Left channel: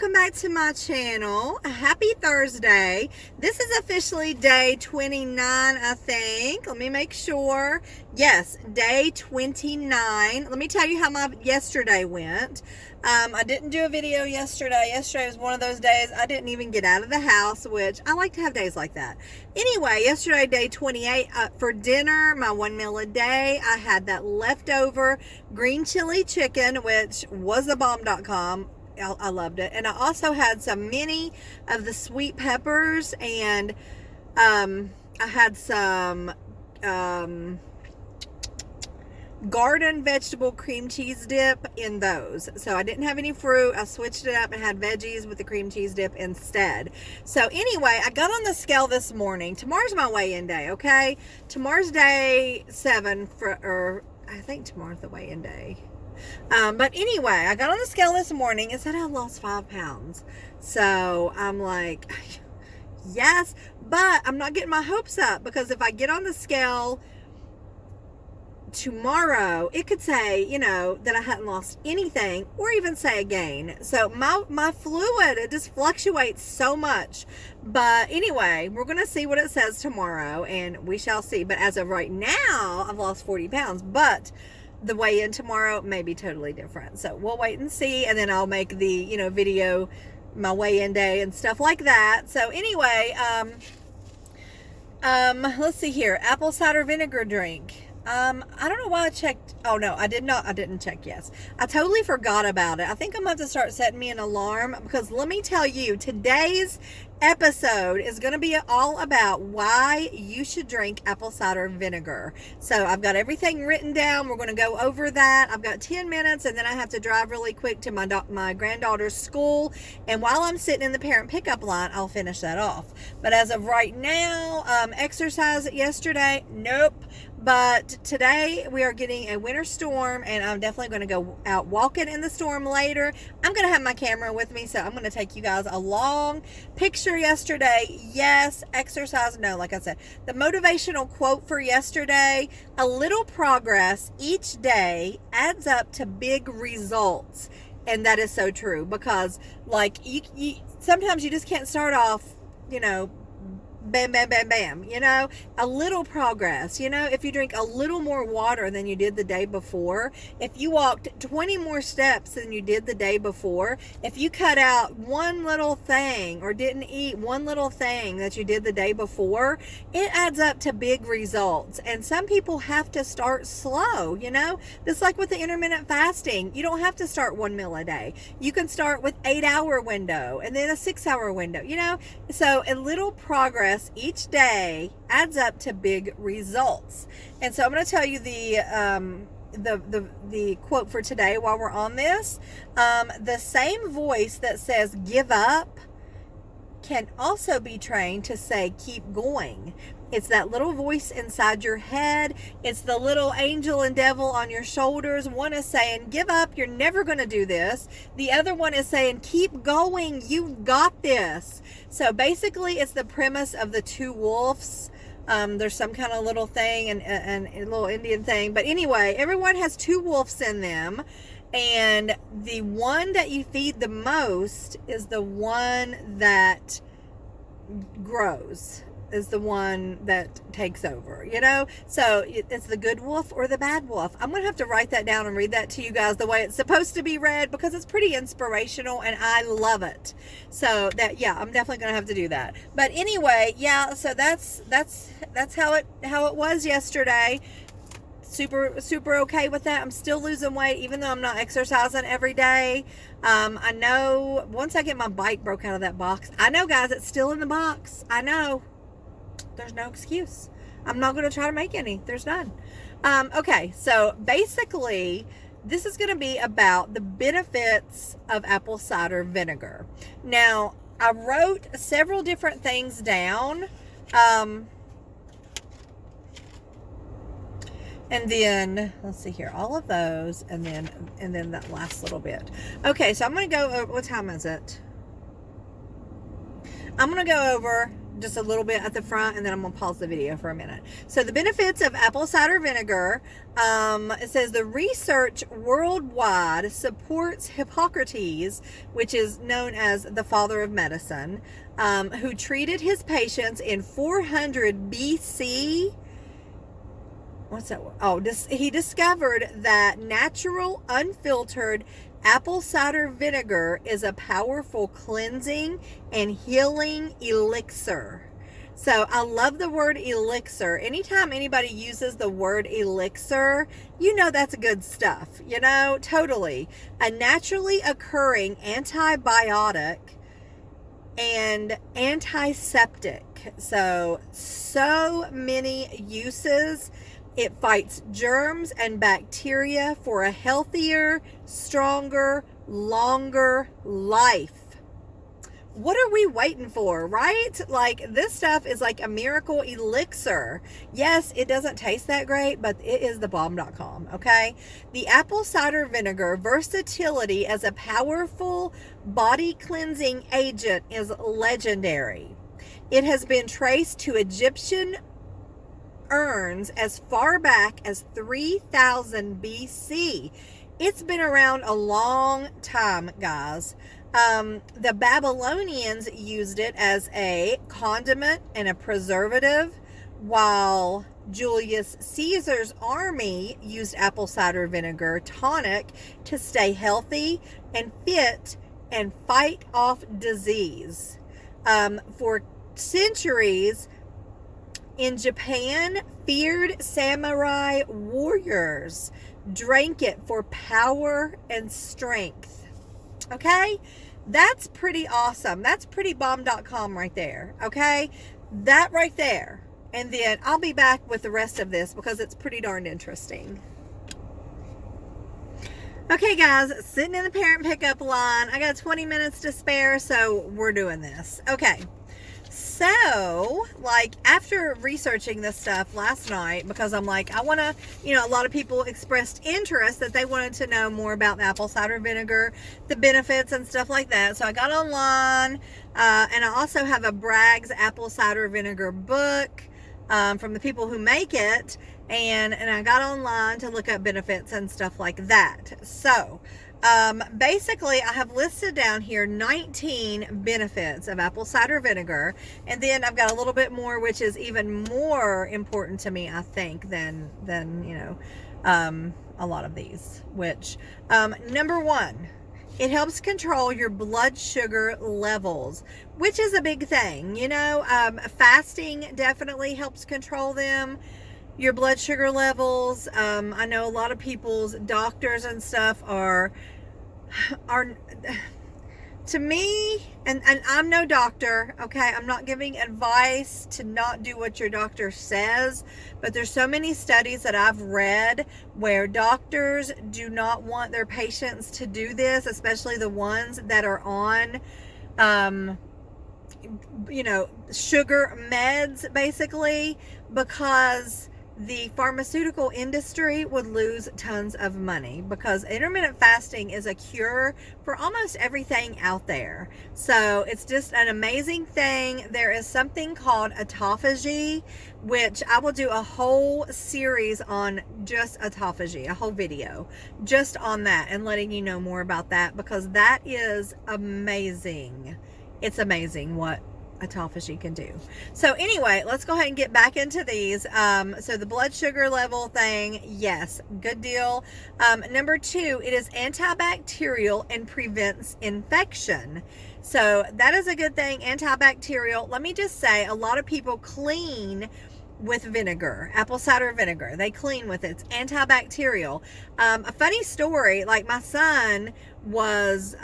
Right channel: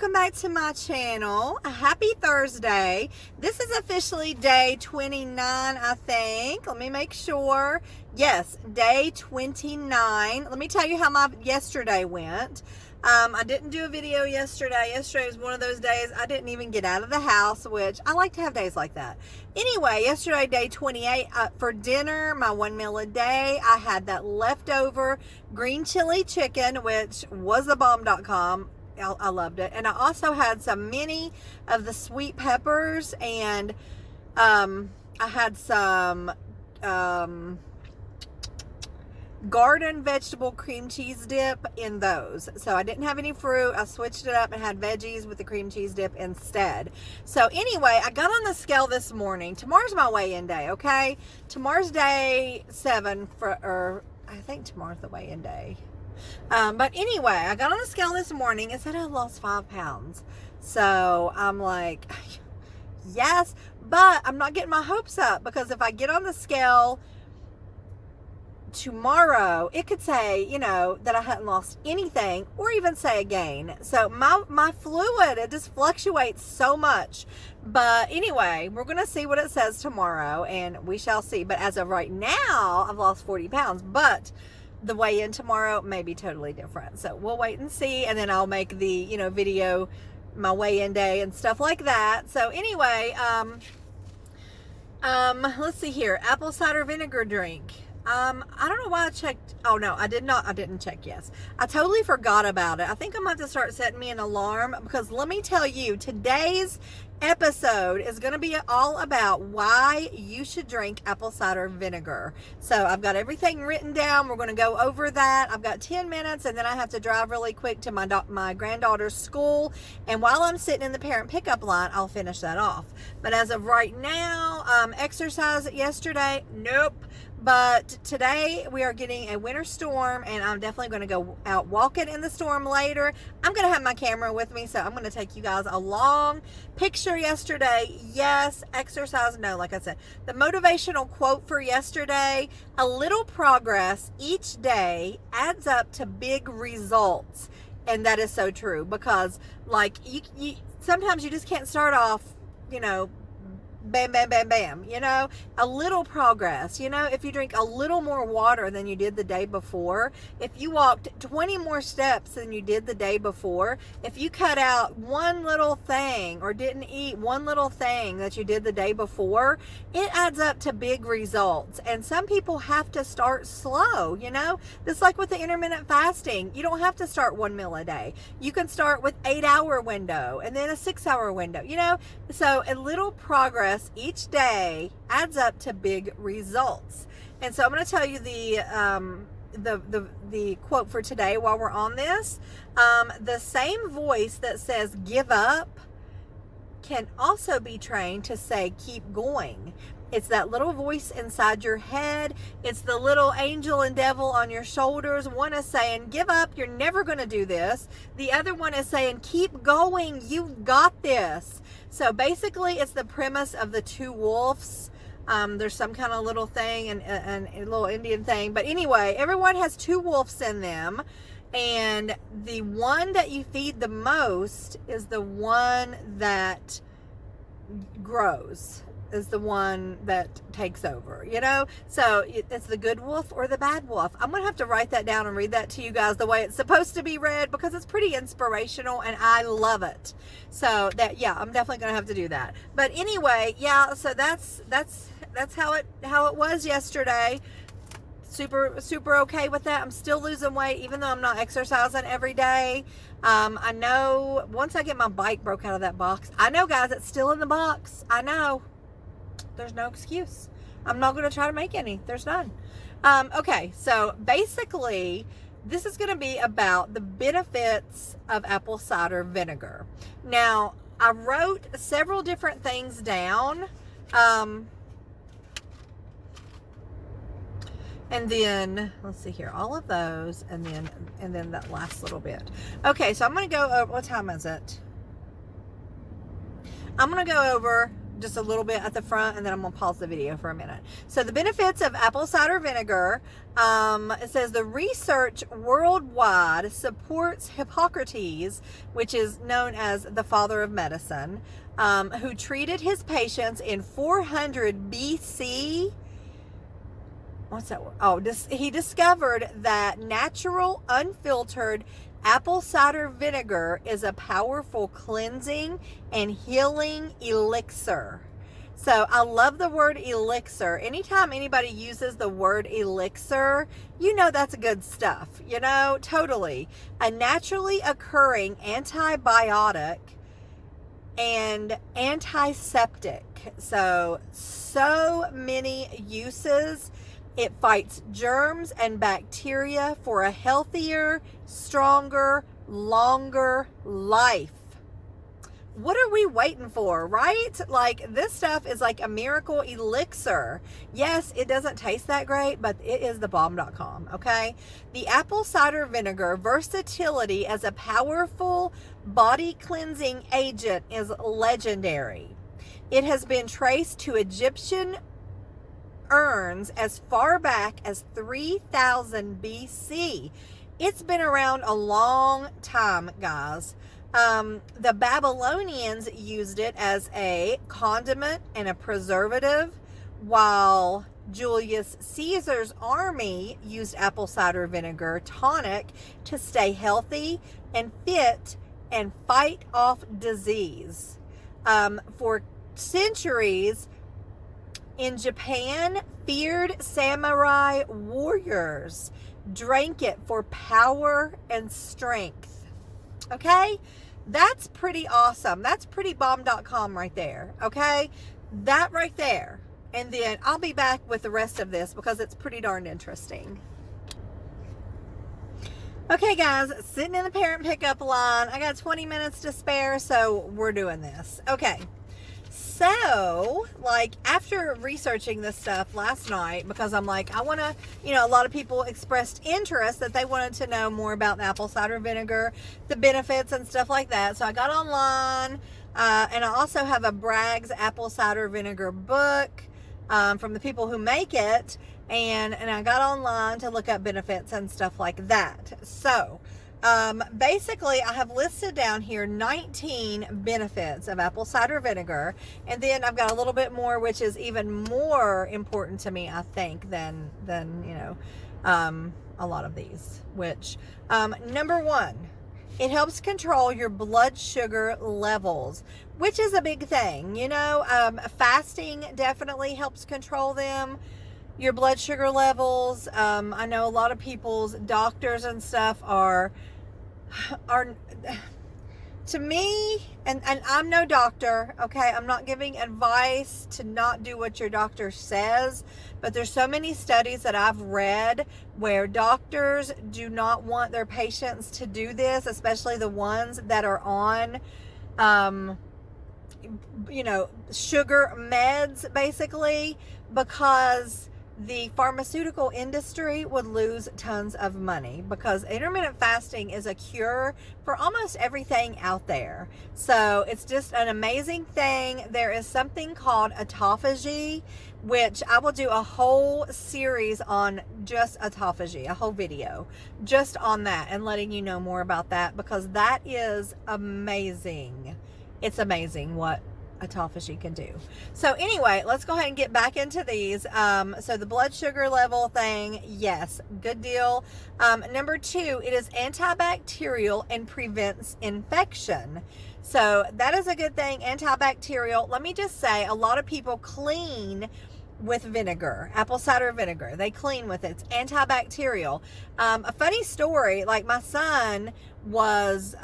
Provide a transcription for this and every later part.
welcome back to my channel. Happy Thursday. This is officially day 29, I think. Let me make sure. Yes, day 29. Let me tell you how my yesterday went. I didn't do a video yesterday. Yesterday was one of those days I didn't even get out of the house, which I like to have days like that. Anyway, yesterday, day 28, for dinner, my one meal a day, I had that leftover green chili chicken, which was a bomb.com. I loved it. And I also had some mini of the sweet peppers, and I had some garden vegetable cream cheese dip in those. So I didn't have any fruit. I switched it up and had veggies with the cream cheese dip instead. So anyway, I got on the scale this morning. Tomorrow's my weigh-in day, okay? Tomorrow's day 7 or I think tomorrow's the weigh-in day. But anyway, I got on the scale this morning and said I lost 5 pounds. So I'm like, yes, but I'm not getting my hopes up, because if I get on the scale tomorrow, it could say, you know, that I hadn't lost anything, or even say a gain. So my fluid, it just fluctuates so much. But anyway, we're going to see what it says tomorrow, and we shall see. But as of right now, I've lost 40 pounds, but the weigh-in tomorrow may be totally different. So we'll wait and see, and then I'll make the, you know, video, my weigh-in day and stuff like that. So anyway, let's see here. Apple cider vinegar drink. I don't know why I checked. Oh no, I didn't check. Yes, I totally forgot about it. I think I'm going to have to start setting me an alarm, because let me tell you, today's episode is going to be all about why you should drink apple cider vinegar. So I've got everything written down. We're going to go over that. I've got 10 minutes, and then I have to drive really quick to my granddaughter's school. And while I'm sitting in the parent pickup line, I'll finish that off. But as of right now, exercise yesterday, nope. But today we are getting a winter storm, and I'm definitely going to go out walking in the storm later. I'm going to have my camera with me, so I'm going to take you guys along. Picture yesterday, yes. Exercise, no. Like I said, the motivational quote for yesterday: a little progress each day adds up to big results. And that is so true, because like you sometimes you just can't start off, you know, bam, bam, bam, bam, you know, a little progress. You know, if you drink a little more water than you did the day before, if you walked 20 more steps than you did the day before, if you cut out one little thing or didn't eat one little thing that you did the day before, it adds up to big results. And some people have to start slow, you know, just like with the intermittent fasting. You don't have to start one meal a day. You can start with 8-hour window and then a 6-hour window, you know. So a little progress each day adds up to big results. And so I'm going to tell you the quote for today while we're on this. The same voice that says give up can also be trained to say keep going. It's that little voice inside your head. It's the little angel and devil on your shoulders. One is saying, give up, you're never going to do this. The other one is saying, keep going, you've got this. So basically, it's the premise of the two wolves. There's some kind of little thing and a little Indian thing. But anyway, everyone has two wolves in them. And the one that you feed the most is the one that grows, is the one that takes over, you know. So it's the good wolf or the bad wolf. I'm gonna have to write that down and read that to you guys the way it's supposed to be read, because it's pretty inspirational and I love it. So that, yeah, I'm definitely gonna have to do that. But anyway, yeah, so that's how it was yesterday. Super okay with that. I'm still losing weight even though I'm not exercising every day. I know once I get my bike broke out of that box, I know, guys, it's still in the box. I know. There's no excuse. I'm not going to try to make any. There's none. Okay, so basically, this is going to be about the benefits of apple cider vinegar. Now, I wrote several different things down. And then, let's see here, all of those, and then that last little bit. Okay, so I'm going to go over, what time is it? I'm going to go over just a little bit at the front, and then I'm going to pause the video for a minute. So the benefits of apple cider vinegar, it says the research worldwide supports Hippocrates, which is known as the father of medicine, who treated his patients in 400 BC. What's that? Oh, he discovered that natural, unfiltered apple cider vinegar is a powerful cleansing and healing elixir. So I love the word elixir. Anytime anybody uses the word elixir, you know that's good stuff, you know, totally. A naturally occurring antibiotic and antiseptic. So many uses. It fights germs and bacteria for a healthier, stronger, longer life. What are we waiting for, right? Like, this stuff is like a miracle elixir. Yes, it doesn't taste that great, but it is the bomb.com, okay? The apple cider vinegar versatility as a powerful body cleansing agent is legendary. It has been traced to Egyptian urns as far back as 3000 BC. It's been around a long time, guys. The Babylonians used it as a condiment and a preservative, while Julius Caesar's army used apple cider vinegar tonic to stay healthy and fit and fight off disease. For centuries, in Japan, feared samurai warriors drank it for power and strength. Okay? That's pretty awesome. That's pretty bomb.com right there. Okay? That right there. And then I'll be back with the rest of this because it's pretty darn interesting. Okay, guys, sitting in the parent pickup line. I got 20 minutes to spare, so we're doing this. Okay. So, like, after researching this stuff last night, because I'm like, I want to, you know, a lot of people expressed interest that they wanted to know more about the apple cider vinegar, the benefits and stuff like that. So I got online, and I also have a Bragg's apple cider vinegar book from the people who make it, and I got online to look up benefits and stuff like that. So, basically I have listed down here 19 benefits of apple cider vinegar, and then I've got a little bit more which is even more important to me, I think, than you know, a lot of these, which number one, it helps control your blood sugar levels, which is a big thing, you know. Fasting definitely helps control them, your blood sugar levels. I know a lot of people's doctors and stuff are to me, and I'm no doctor, okay? I'm not giving advice to not do what your doctor says, but there's so many studies that I've read where doctors do not want their patients to do this, especially the ones that are on you know, sugar meds, basically, because the pharmaceutical industry would lose tons of money, because intermittent fasting is a cure for almost everything out there. So it's just an amazing thing. There is something called autophagy, which I will do a whole series on, just autophagy, a whole video just on that, and letting you know more about that, because that is amazing. It's amazing what autophagy can do. So anyway, let's go ahead and get back into these. So the blood sugar level thing, yes, good deal. Number two, it is antibacterial and prevents infection. So that is a good thing, antibacterial. Let me just say, a lot of people clean with vinegar, apple cider vinegar. They clean with it. It's antibacterial. A funny story, like my son was,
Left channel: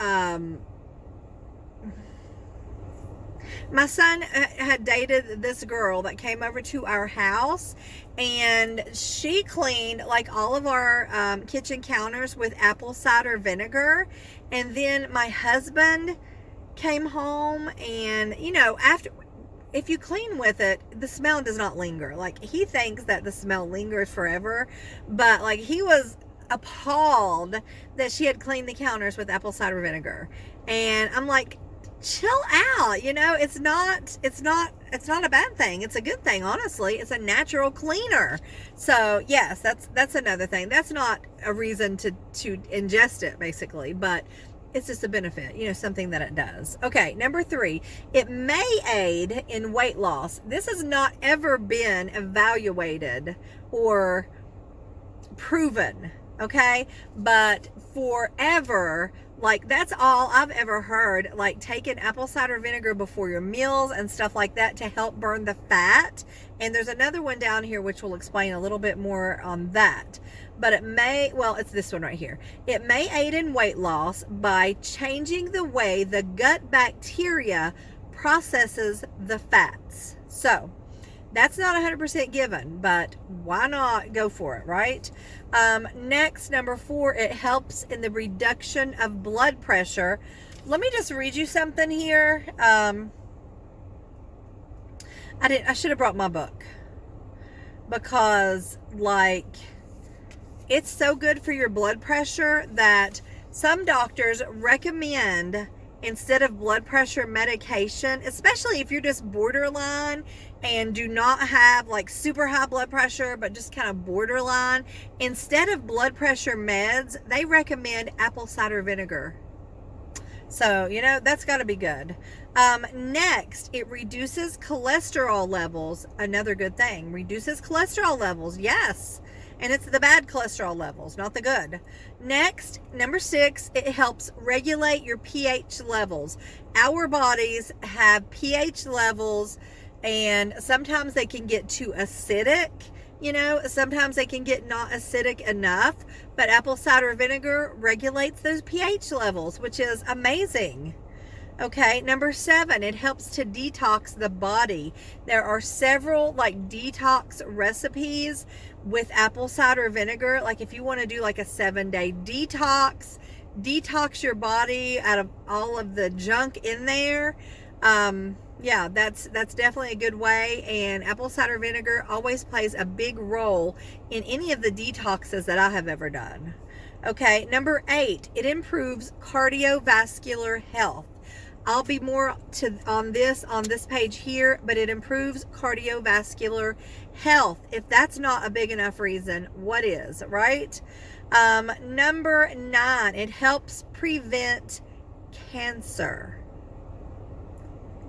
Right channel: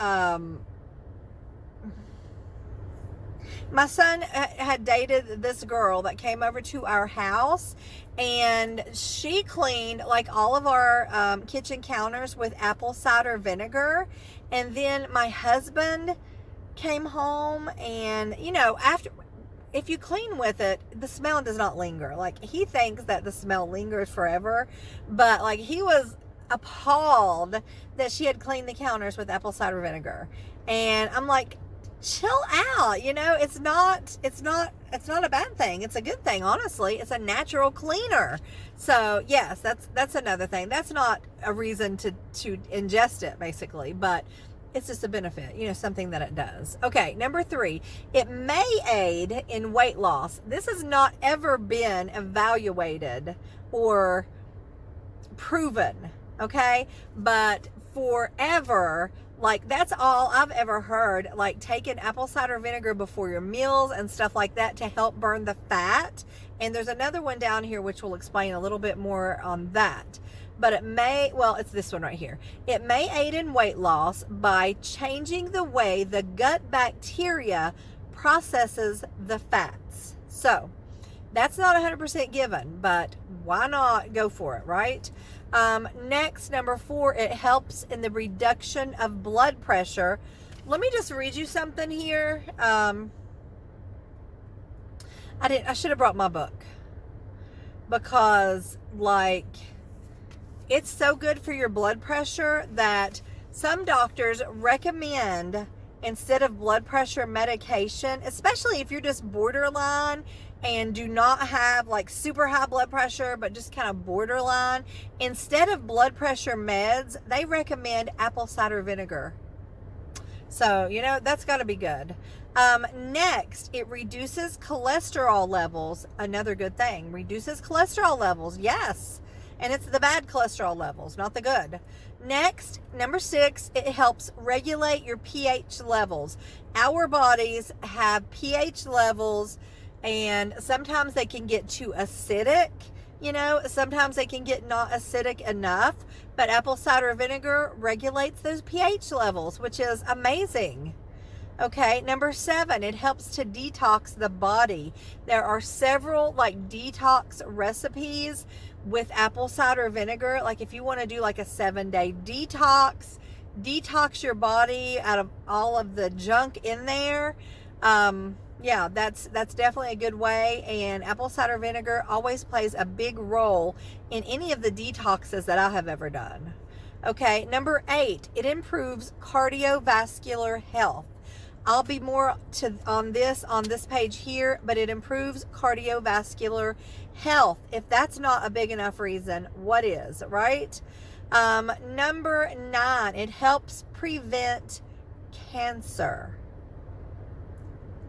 my son had dated this girl that came over to our house, and she cleaned like all of our kitchen counters with apple cider vinegar. And then my husband came home, and you know, after, if you clean with it, the smell does not linger. Like, he thinks that the smell lingers forever, but like, he was appalled that she had cleaned the counters with apple cider vinegar. And I'm like, chill out. It's not a bad thing. It's a good thing, honestly. It's a natural cleaner. So yes, that's another thing. That's not a reason to ingest it, basically, but it's just a benefit, something that it does. Okay, number 3, it may aid in weight loss. This has not ever been evaluated or proven, okay? But forever, like, that's all I've ever heard, like taking apple cider vinegar before your meals and stuff like that to help burn the fat. And there's another one down here which will explain a little bit more on that. But it's this one right here. It may aid in weight loss by changing the way the gut bacteria processes the fats. So that's not 100% given, but why not go for it, right? Next, number 4, it helps in the reduction of blood pressure. Let me just read you something here. I should have brought my book, because it's so good for your blood pressure that some doctors recommend, instead of blood pressure medication, especially if you're just borderline and do not have like super high blood pressure, but just kind of borderline, instead of blood pressure meds, they recommend apple cider vinegar. So, that's got to be good. Next, it reduces cholesterol levels. Another good thing. Reduces cholesterol levels. Yes. And it's the bad cholesterol levels, not the good. Next, number 6, it helps regulate your pH levels. Our bodies have pH levels, and sometimes they can get too acidic. Sometimes they can get not acidic enough, but apple cider vinegar regulates those pH levels, which is amazing. Okay, number 7, it helps to detox the body. There are several detox recipes with apple cider vinegar. Like if you want to do like a 7-day detox your body out of all of the junk in there. Yeah, that's definitely a good way, and apple cider vinegar always plays a big role in any of the detoxes that I have ever done. Okay, number 8, it improves cardiovascular health. I'll be more on this page here, but it improves cardiovascular health. If that's not a big enough reason, what is, right? Number 9, it helps prevent cancer.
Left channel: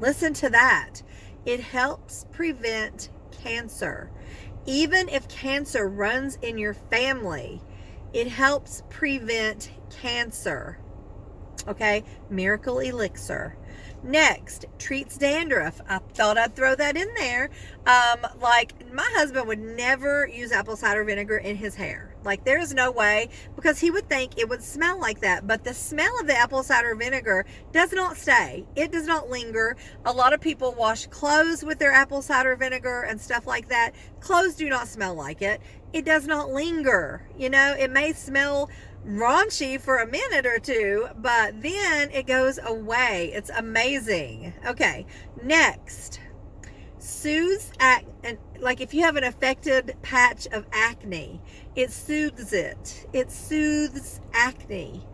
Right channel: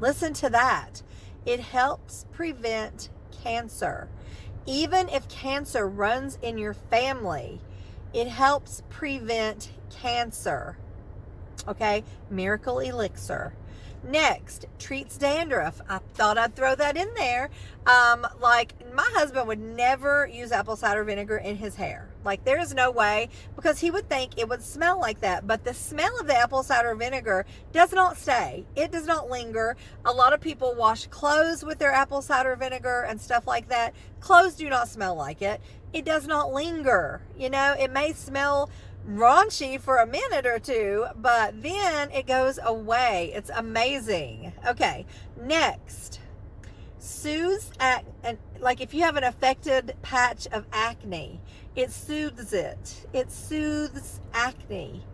Listen to that. It helps prevent cancer. Even if cancer runs in your family, it helps prevent cancer. Okay, miracle elixir. Next, treats dandruff. I thought I'd throw that in there. My husband would never use apple cider vinegar in his hair. There's no way, because he would think it would smell like that. But the smell of the apple cider vinegar does not stay. It does not linger. A lot of people wash clothes with their apple cider vinegar and stuff like that. Clothes do not smell like it. It does not linger. It may smell raunchy for a minute or two, but then it goes away. It's amazing. Okay, next, soothes if you have an affected patch of acne, it soothes it. It soothes acne.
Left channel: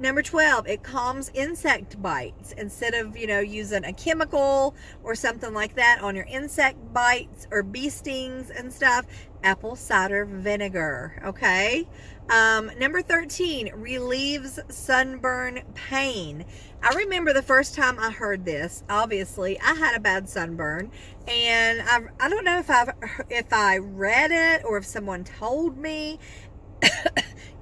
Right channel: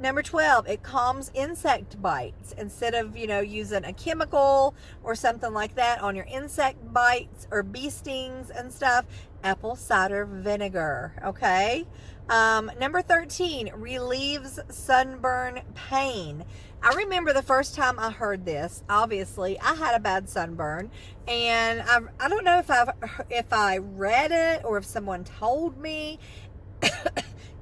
Number 12, it calms insect bites. Instead of, using a chemical or something like that on your insect bites or bee stings and stuff, apple cider vinegar, okay? Number 13, relieves sunburn pain. I remember the first time I heard this. Obviously, I had a bad sunburn, and I don't know if I read it or if someone told me.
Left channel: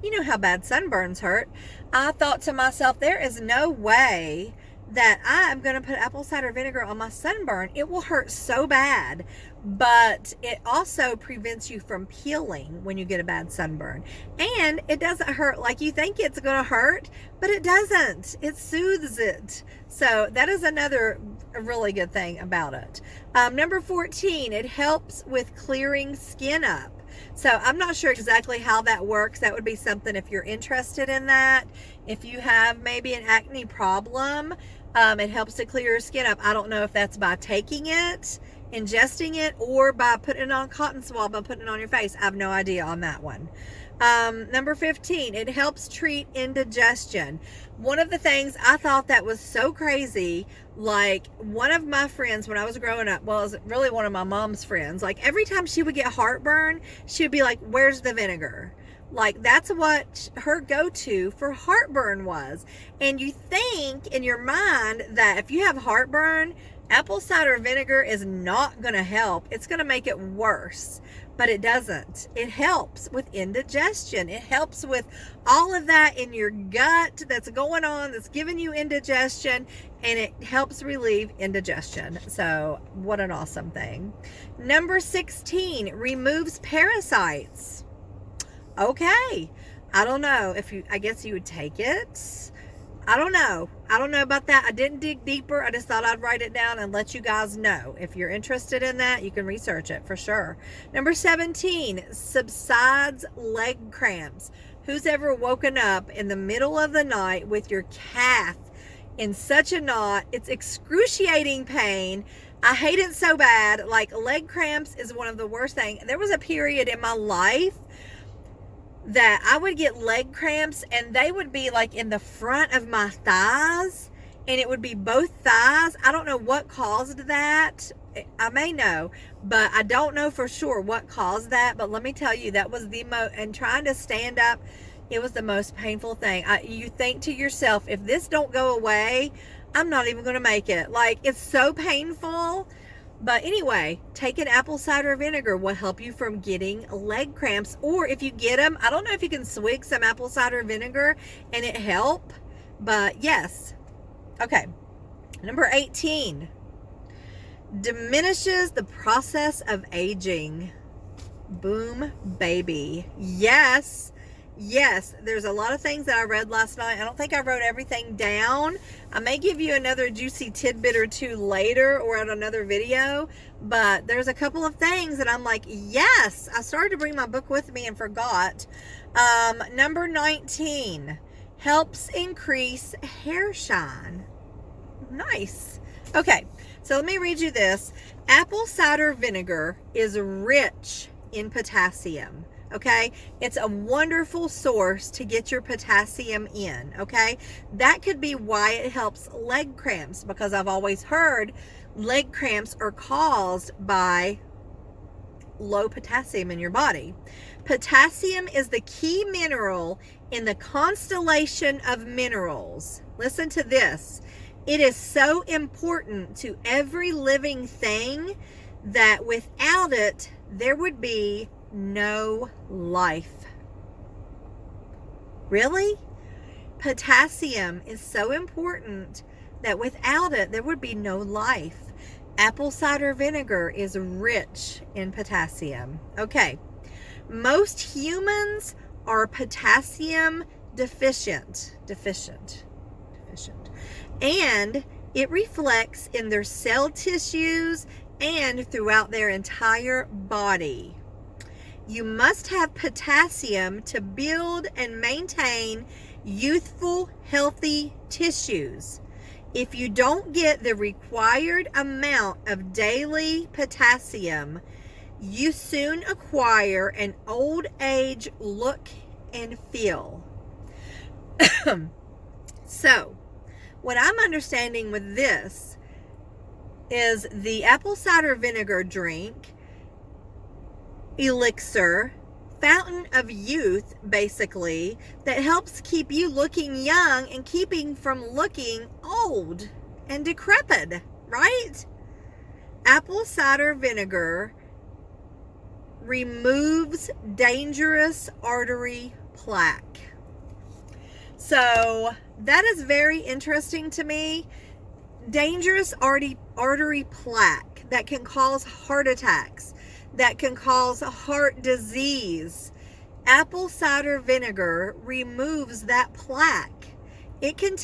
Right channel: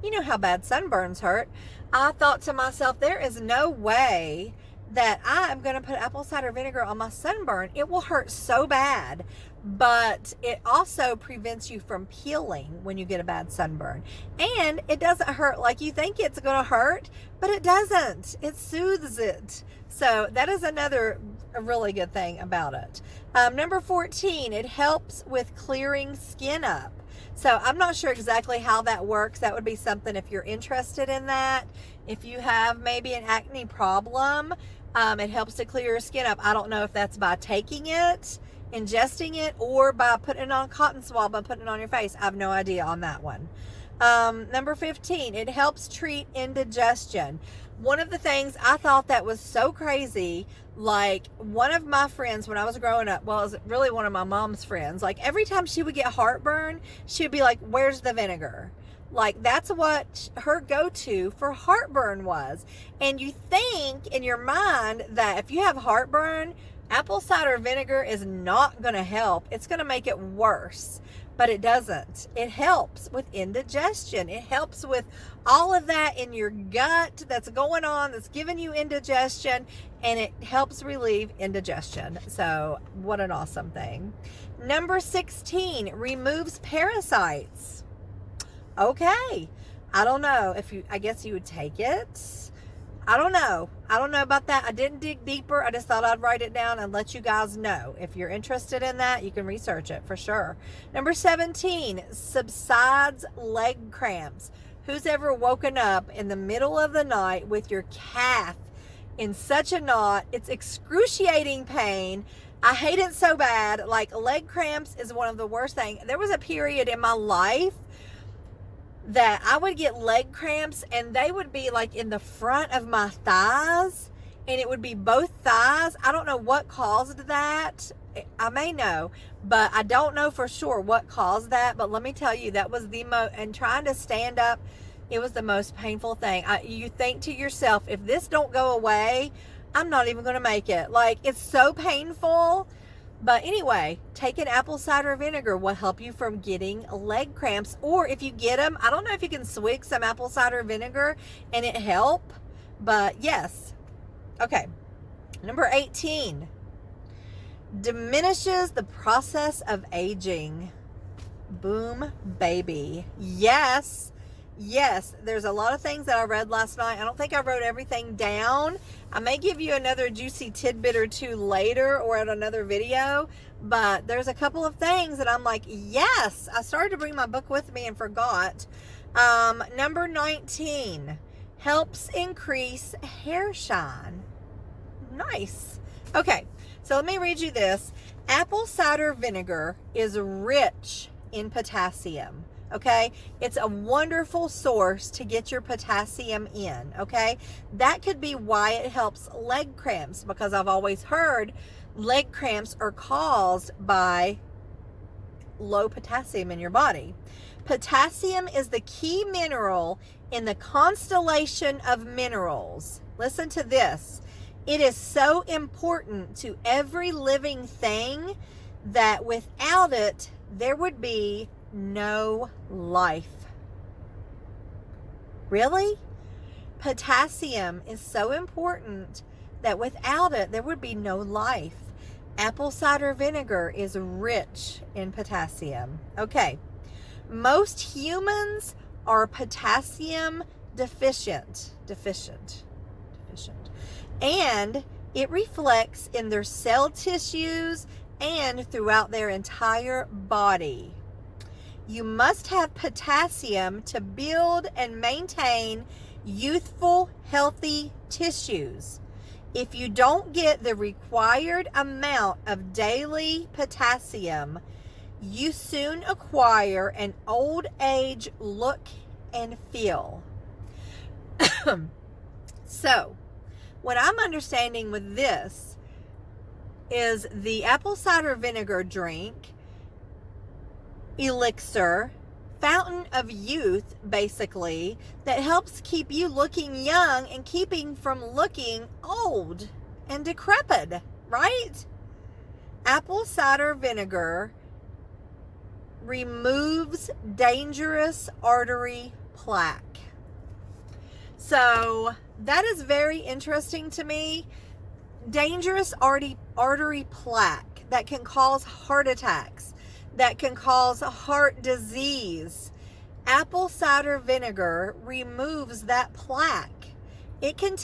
You know how bad sunburns hurt. I thought to myself, there is no way that I'm going to put apple cider vinegar on my sunburn. It will hurt so bad. But it also prevents you from peeling when you get a bad sunburn. And it doesn't hurt like you think it's going to hurt, but it doesn't. It soothes it. So that is another really good thing about it. Number 14, it helps with clearing skin up. So I'm not sure exactly how that works. That would be something if you're interested in that. If you have maybe an acne problem, it helps to clear your skin up. I don't know if that's by taking it, ingesting it, or by putting it on a cotton swab and putting it on your face. I have no idea on that one. Number 15, it helps treat indigestion. One of the things I thought that was so crazy, like one of my friends when I was growing up, well, it was really one of my mom's friends, like every time she would get heartburn, she would be like, where's the vinegar? Like that's what her go-to for heartburn was. And you think in your mind that if you have heartburn, apple cider vinegar is not going to help. It's going to make it worse. But it doesn't. It helps with indigestion. It helps with all of that in your gut that's going on, that's giving you indigestion, and it helps relieve indigestion. So what an awesome thing. Number 16, removes parasites. Okay. I don't know if I guess you would take it. I don't know about that. I didn't dig deeper. I just thought I'd write it down and let you guys know. If you're interested in that, you can research it for sure. Number 17, subsides leg cramps. Who's ever woken up in the middle of the night with your calf in such a knot? It's excruciating pain. I hate it so bad. Like leg cramps is one of the worst things. There was a period in my life that I would get leg cramps and they would be like in the front of my thighs, and it would be both thighs. I don't know what caused that. I may know, but I don't know for sure what caused that. But let me tell you, that was the most, and trying to stand up, it was the most painful thing. You think to yourself, if this don't go away, I'm not even going to make it. Like, it's so painful. But anyway, taking apple cider vinegar will help you from getting leg cramps. Or if you get them, I don't know if you can swig some apple cider vinegar and it help. But yes. Okay. Number 18. Diminishes the process of aging. Boom, baby. Yes. Yes, there's a lot of things that I read last night. I don't think I wrote everything down. I may give you another juicy tidbit or two later or at another video, but there's a couple of things that I'm like, yes, I started to bring my book with me and forgot. Number 19, helps increase hair shine. Nice. Okay, so let me read you this. Apple cider vinegar is rich in potassium. Okay, it's a wonderful source to get your potassium in. Okay, that could be why it helps leg cramps, because I've always heard leg cramps are caused by low potassium in your body. Potassium is the key mineral in the constellation of minerals. Listen to this. It is so important to every living thing that without it, there would be no life. Really? Potassium is so important that without it, there would be no life. Apple cider vinegar is rich in potassium. Okay. Most humans are potassium deficient. And it reflects in their cell tissues and throughout their entire body. You must have potassium to build and maintain youthful, healthy tissues. If you don't get the required amount of daily potassium, you soon acquire an old age look and feel. So, what I'm understanding with this is the apple cider vinegar drink, elixir, fountain of youth, basically, that helps keep you looking young and keeping from looking old and decrepit, right? Apple cider vinegar removes dangerous artery plaque. So that is very interesting to me. Dangerous artery plaque that can cause heart attacks, that can cause heart disease. Apple cider vinegar removes that plaque. It can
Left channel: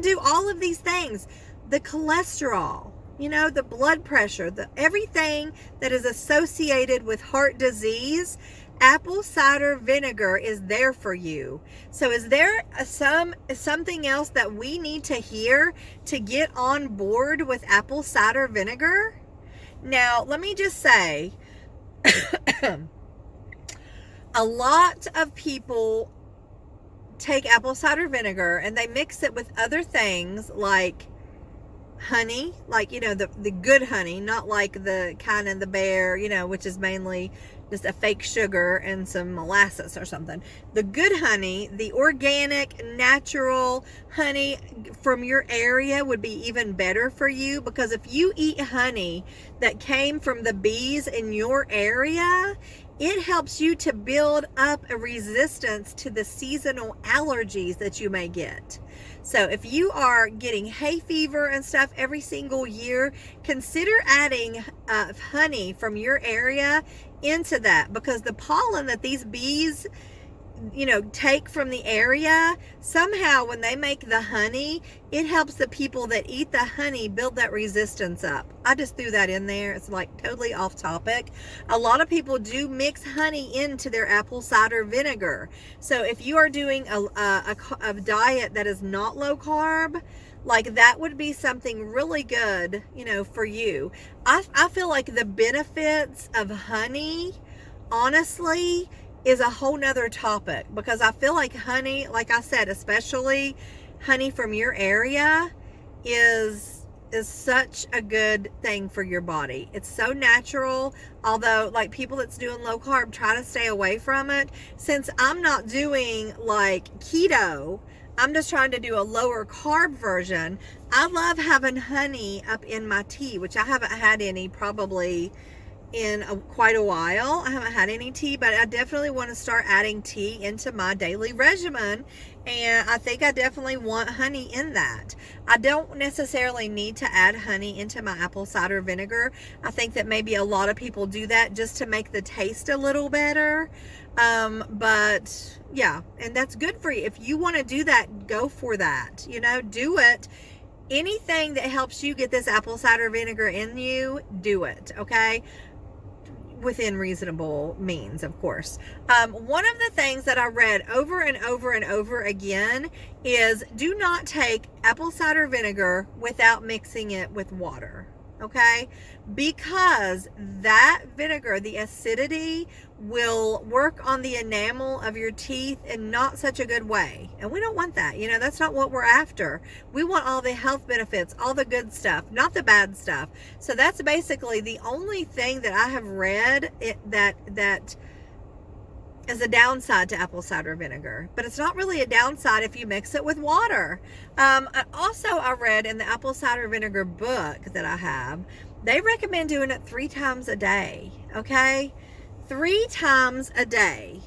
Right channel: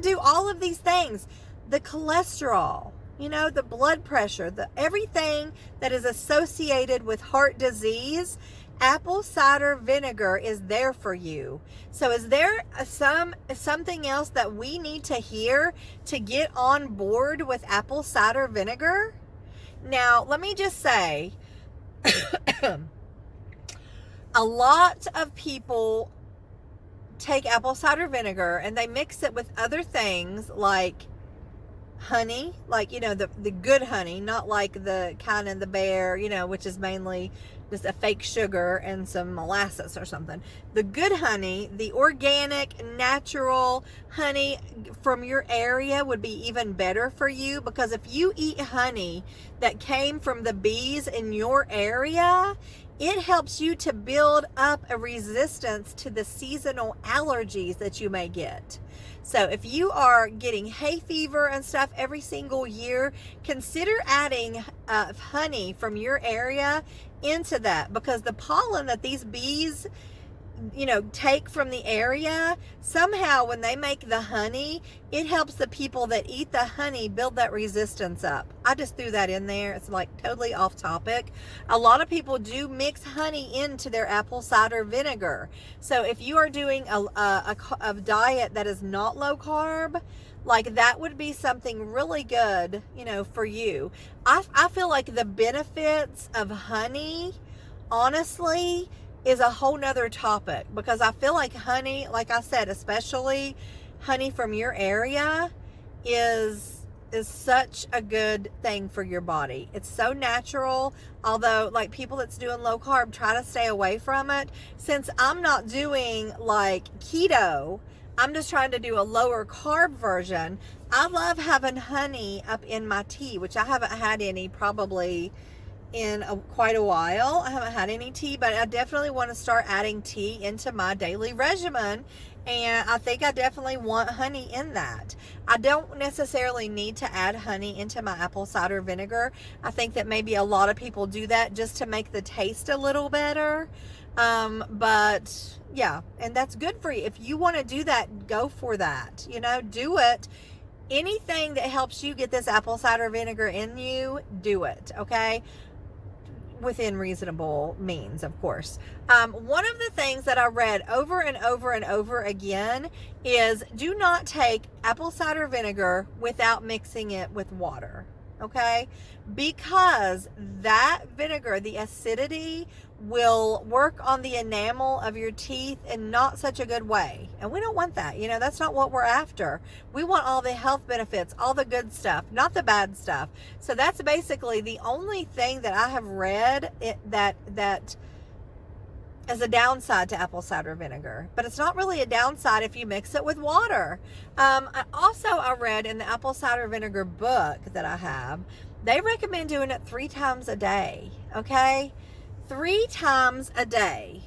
do all of these things. The cholesterol, the blood pressure, everything that is associated with heart disease, apple cider vinegar is there for you. So is there something else that we need to hear to get on board with apple cider vinegar? Now, let me just say, A lot of people take apple cider vinegar and they mix it with other things like honey, like, the good honey, not like the kind in the bear, which is mainly just a fake sugar and some molasses or something. The good honey, the organic, natural honey from your area would be even better for you, because if you eat honey that came from the bees in your area, it helps you to build up a resistance to the seasonal allergies that you may get. So if you are getting hay fever and stuff every single year, consider adding honey from your area into that, because the pollen that these bees take from the area, somehow when they make the honey, it helps the people that eat the honey build that resistance up. I just threw that in there. It's like totally off topic. A lot of people do mix honey into their apple cider vinegar. So if you are doing a diet that is not low carb, like, that would be something really good, for you. I feel like the benefits of honey, honestly, is a whole nother topic, because I feel like honey, like I said, especially honey from your area, is such a good thing for your body. It's so natural, although like people that's doing low carb try to stay away from it. Since I'm not doing like keto, I'm just trying to do a lower carb version. I love having honey up in my tea, which I haven't had any probably in quite a while. I haven't had any tea, but I definitely want to start adding tea into my daily regimen, and I think I definitely want honey in that. I don't necessarily need to add honey into my apple cider vinegar. I think that maybe a lot of people do that just to make the taste a little better, but yeah, and that's good for you. If you want to do that, go for that, do it. Anything that helps you get this apple cider vinegar in you, do it, okay? Within reasonable means, of course. One of the things that I read over and over and over again is do not take apple cider vinegar without mixing it with water, okay? Because that vinegar, the acidity, will work on the enamel of your teeth in not such a good way. And we don't want that. That's not what we're after. We want all the health benefits, all the good stuff, not the bad stuff. So that's basically the only thing that I have read that is a downside to apple cider vinegar. But it's not really a downside if you mix it with water. Also, I read in the apple cider vinegar book that I have, they recommend doing it 3 times a day, okay? 3 times a day.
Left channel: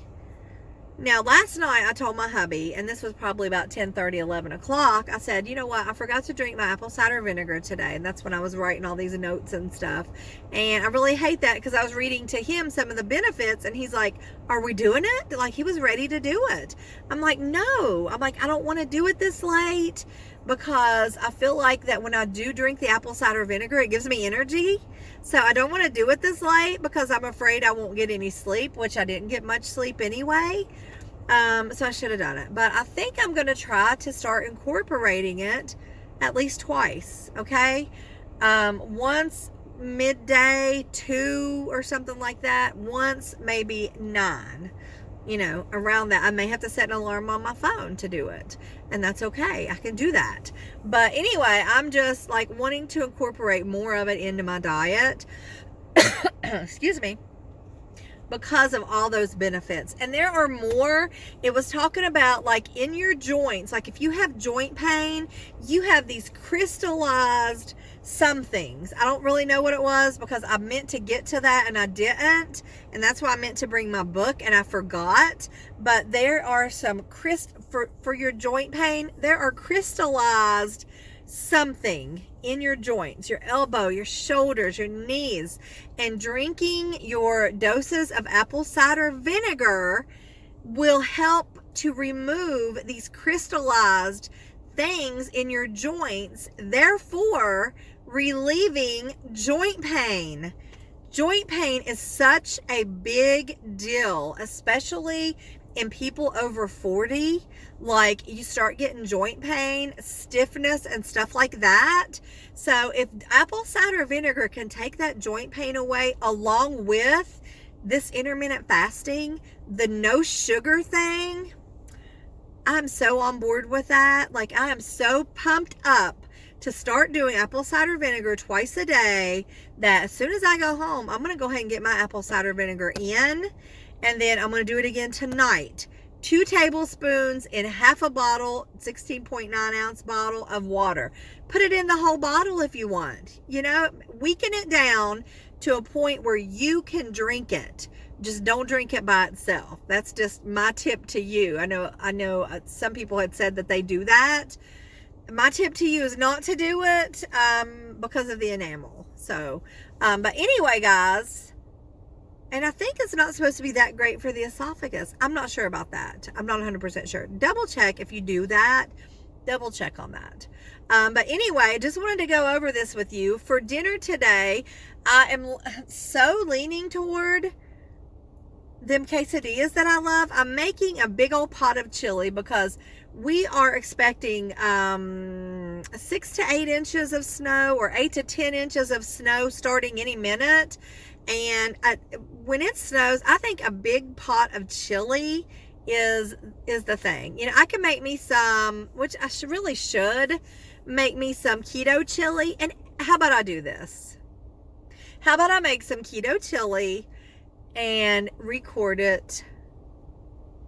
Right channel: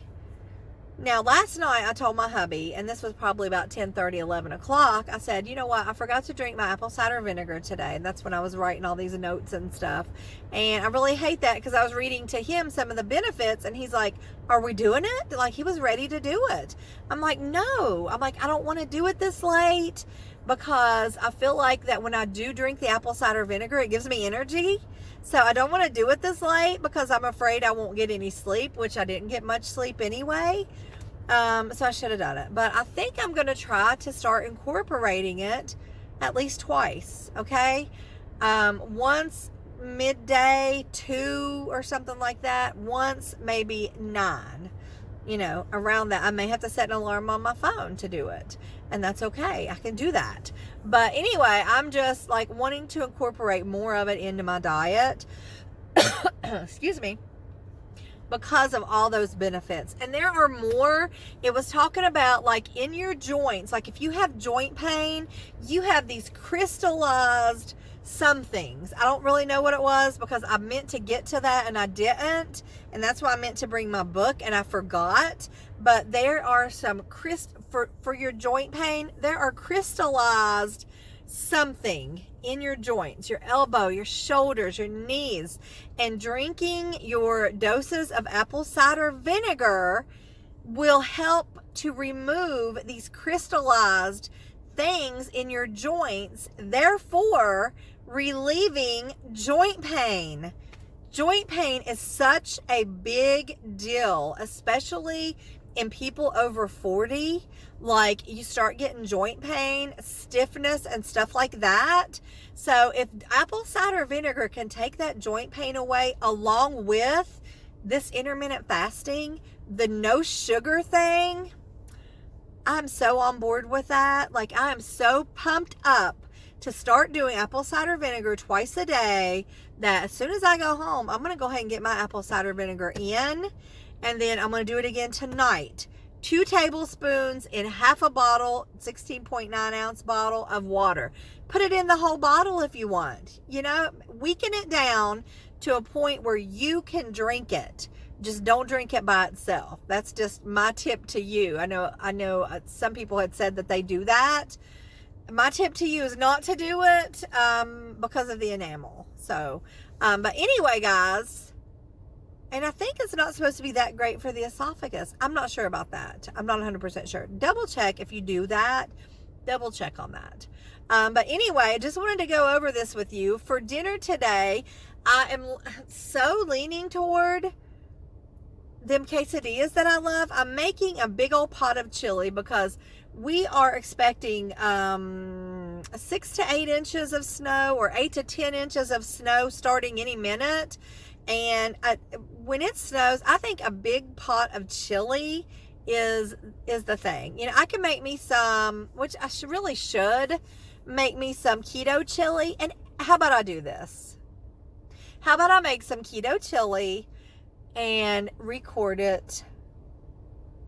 Now, last night I told my hubby, and this was probably about 10:30, 11 o'clock, I said, you know what, I forgot to drink my apple cider vinegar today. And that's when I was writing all these notes and stuff. And I really hate that, because I was reading to him some of the benefits, and he's like, are we doing it? Like, he was ready to do it. I'm like, no. I'm like, I don't want to do it this late, because I feel like that when I do drink the apple cider vinegar, it gives me energy. So I don't want to do it this late, because I'm afraid I won't get any sleep, which I didn't get much sleep anyway. So I should have done it. But I think I'm going to try to start incorporating it at least twice, okay? Once midday, 2 or something like that. Once maybe 9. Around that. I may have to set an alarm on my phone to do it, and that's okay. I can do that. But anyway, I'm just like wanting to incorporate more of it into my diet. Excuse me. Because of all those benefits. And there are more. It was talking about like in your joints, like if you have joint pain, you have these crystallized some things. I don't really know what it was, because I meant to get to that and I didn't. And that's why I meant to bring my book and I forgot. But there are some for your joint pain, there are crystallized something in your joints, your elbow, your shoulders, your knees. And drinking your doses of apple cider vinegar will help to remove these crystallized things in your joints, therefore relieving joint pain. Joint pain is such a big deal, especially in people over 40. Like, you start getting joint pain, stiffness, and stuff like that. So if apple cider vinegar can take that joint pain away along with this intermittent fasting, the no sugar thing, I'm so on board with that. Like, I am so pumped up to start doing apple cider vinegar twice a day that as soon as I go home, I'm going to go ahead and get my apple cider vinegar in. And then I'm going to do it again tonight. 2 tablespoons in half a bottle, 16.9 ounce bottle of water. Put it in the whole bottle if you want. You know, weaken it down to a point where you can drink it. Just don't drink it by itself. That's just my tip to you. I know some people had said that they do that. My tip to you is not to do it because of the enamel. So, but anyway, guys, and I think it's not supposed to be that great for the esophagus. I'm not sure about that. I'm not 100% sure. Double check if you do that. Double check on that. But anyway, I just wanted to go over this with you. For dinner today, I am so leaning toward them quesadillas that I love. I'm making a big old pot of chili because we are expecting 6 to 8 inches of snow, or 8 to 10 inches of snow starting any minute. And when it snows, I think a big pot of chili is the thing. You know, I can make me some, which I really should make me some keto chili. And how about I do this? How about I make some keto chili and record it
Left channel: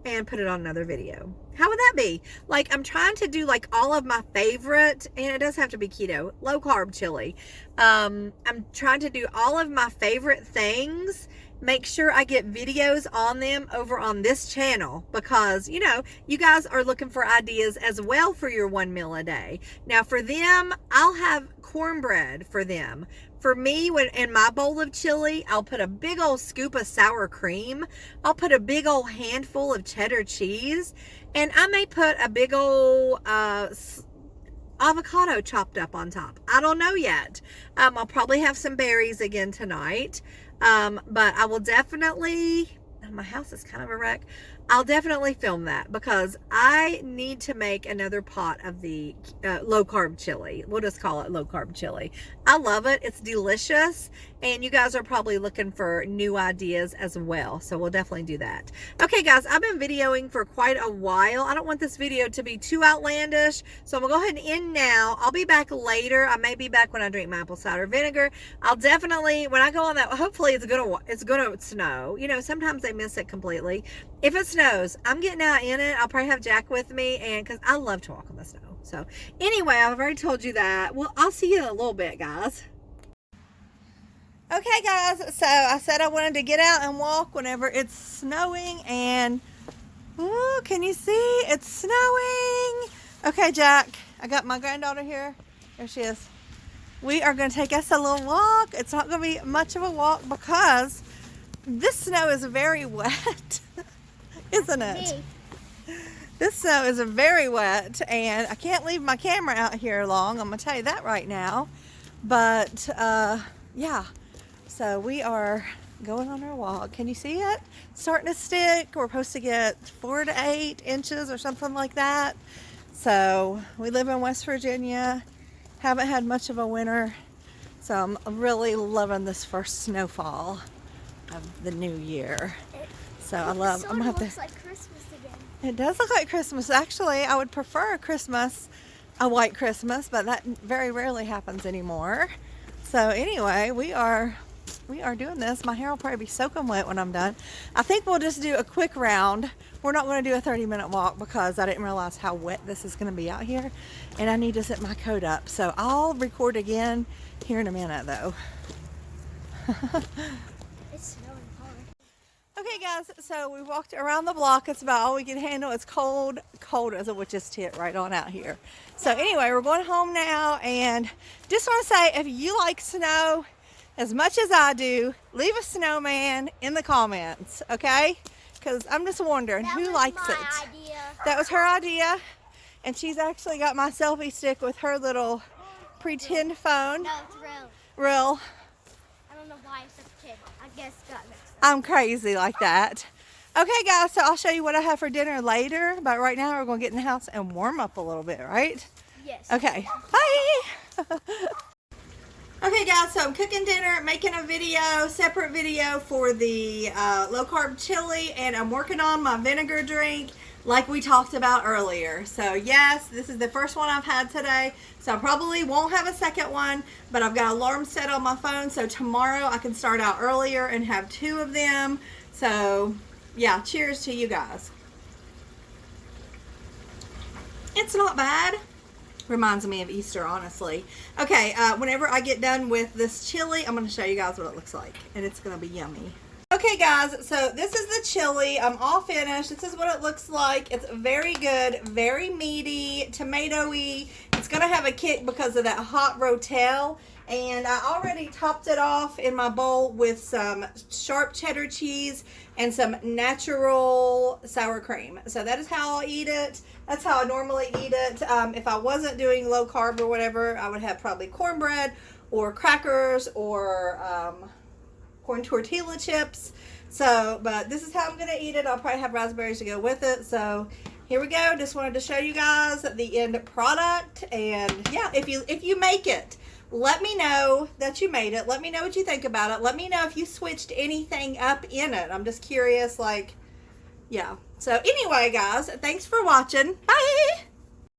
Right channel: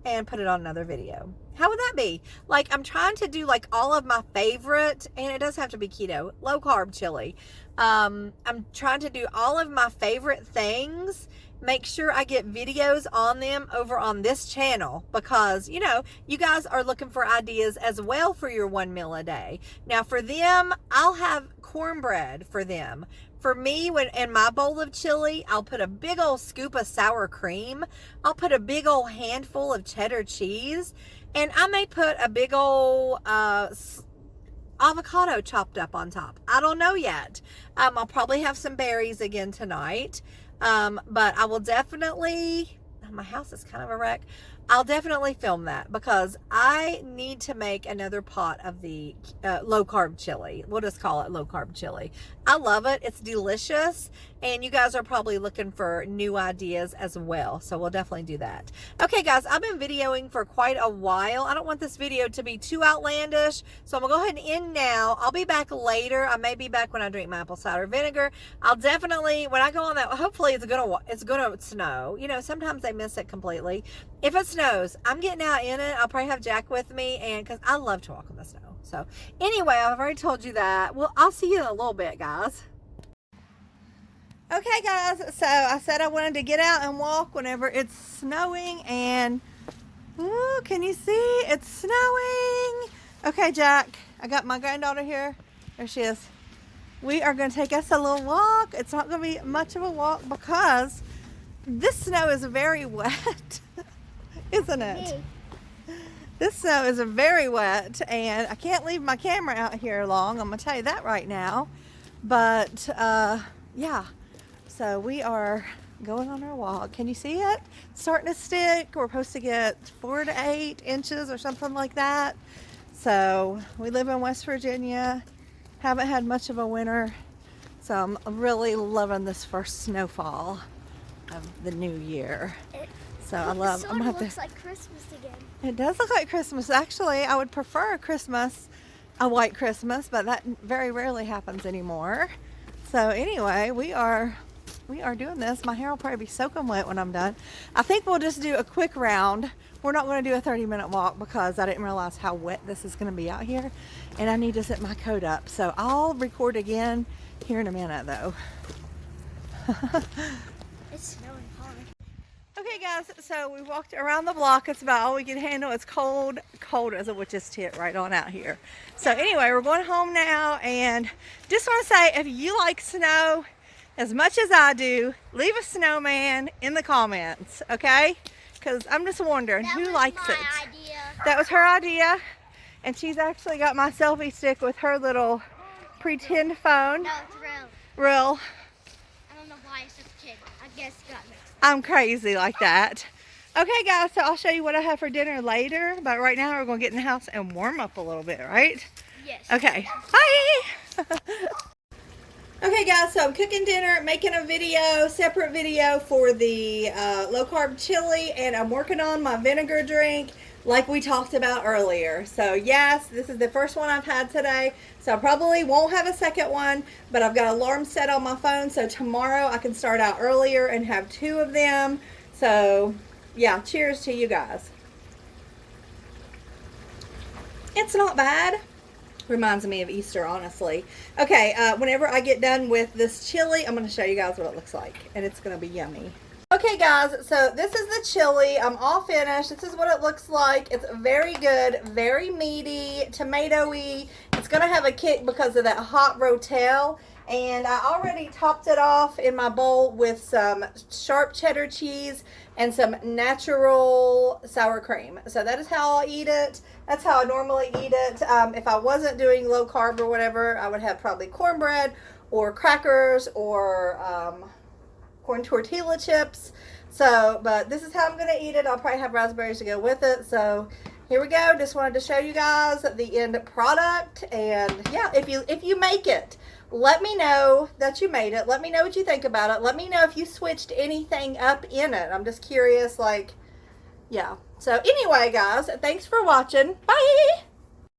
and put it on another video? How would that be? Like, I'm trying to do like all of my favorite, and it does have to be keto, low carb chili. I'm trying to do all of my favorite things, make sure I get videos on them over on this channel, because, you know, you guys are looking for ideas as well for your one meal a day. Now for them, I'll have cornbread for them. For me, when in my bowl of chili, I'll put a big old scoop of sour cream. I'll put a big old handful of cheddar cheese. And I may put a big old avocado chopped up on top. I don't know yet. I'll probably have some berries again tonight. But I will definitely, my house is kind of a wreck. I'll definitely film that because I need to make another pot of the low carb chili. We'll just call it low carb chili. I love it. It's delicious. And you guys are probably looking for new ideas as well. So we'll definitely do that. Okay, guys, I've been videoing for quite a while. I don't want this video to be too outlandish. So I'm going to go ahead and end now. I'll be back later. I may be back when I drink my apple cider vinegar. I'll definitely, when I go on that, hopefully it's going to snow. You know, sometimes they miss it completely. If it snows, I'm getting out in it. I'll probably have Jack with me, and because I love to walk in the snow. So anyway, I've already told you that. Well, I'll see you in a little bit, guys. Okay, guys, so I said I wanted to get out and walk whenever it's snowing, and ooh, can you see? It's snowing. Okay, Jack, I got my granddaughter here. There she is. We are going to take us a little walk. It's not going to be much of a walk because this snow is very wet, isn't it? This snow is very wet, and I can't leave my camera out here long. I'm going to tell you that right now. But, yeah. So we are going on our walk. Can you see it? Starting to stick. We're supposed to get 4 to 8 inches or something like that. So we live in West Virginia. Haven't had much of a winter. So I'm really loving this first snowfall of the new year. So I love, I'm gonna have to. It looks like Christmas again. It does look like Christmas. Actually, I would prefer a white Christmas, but that very rarely happens anymore. So anyway, we are doing this. My hair will probably be soaking wet when I'm done. I think we'll just do a quick round. We're not going to do a 30-minute walk because I didn't realize how wet this is going to be out here, and I need to set my coat up. So I'll record again here in a minute, though. It's snowing hard. Okay, guys, so we walked around the block. It's about all we can handle. It's cold as a witch's tit right on out here. So anyway, we're going home now, and just want to say, if you like snow as much as I do, leave a snowman in the comments, okay? Because I'm just wondering who likes it. Idea. That was her idea, and she's actually got my selfie stick with her little pretend phone. No, it's real. Real. I don't know why it's a kid. I guess it got mixed up. I'm crazy like that. Okay, guys, so I'll show you what I have for dinner later, but right now we're going to get in the house and warm up a little bit, right? Yes. Okay, bye! Okay guys, so I'm cooking dinner, making a video, separate video for the low carb chili, and I'm working on my vinegar drink like we talked about earlier. So yes, this is the first one I've had today, so I probably won't have a second one, but I've got an alarm set on my phone, so tomorrow I can start out earlier and have 2 of them. So yeah, cheers to you guys. It's not bad. Reminds me of Easter, honestly. Okay, whenever I get done with this chili, I'm going to show you guys what it looks like, and it's going to be yummy. Okay guys, so this is the chili. I'm all finished. This is what it looks like. It's very good, very meaty, tomatoey. It's going to have a kick because of that hot rotel. And I already topped it off in my bowl with some sharp cheddar cheese and some natural sour cream. So that is how I'll eat it. That's how I normally eat it. If I wasn't doing low carb or whatever, I would have probably cornbread or crackers or corn tortilla chips. So, but this is how I'm going to eat it. I'll probably have raspberries to go with it. So here we go. Just wanted to show you guys the end product. And yeah, if you make it, let me know that you made it. Let me know what you think about it. Let me know if you switched anything up in it. I'm just curious, like, yeah. So anyway, guys, thanks for watching. Bye.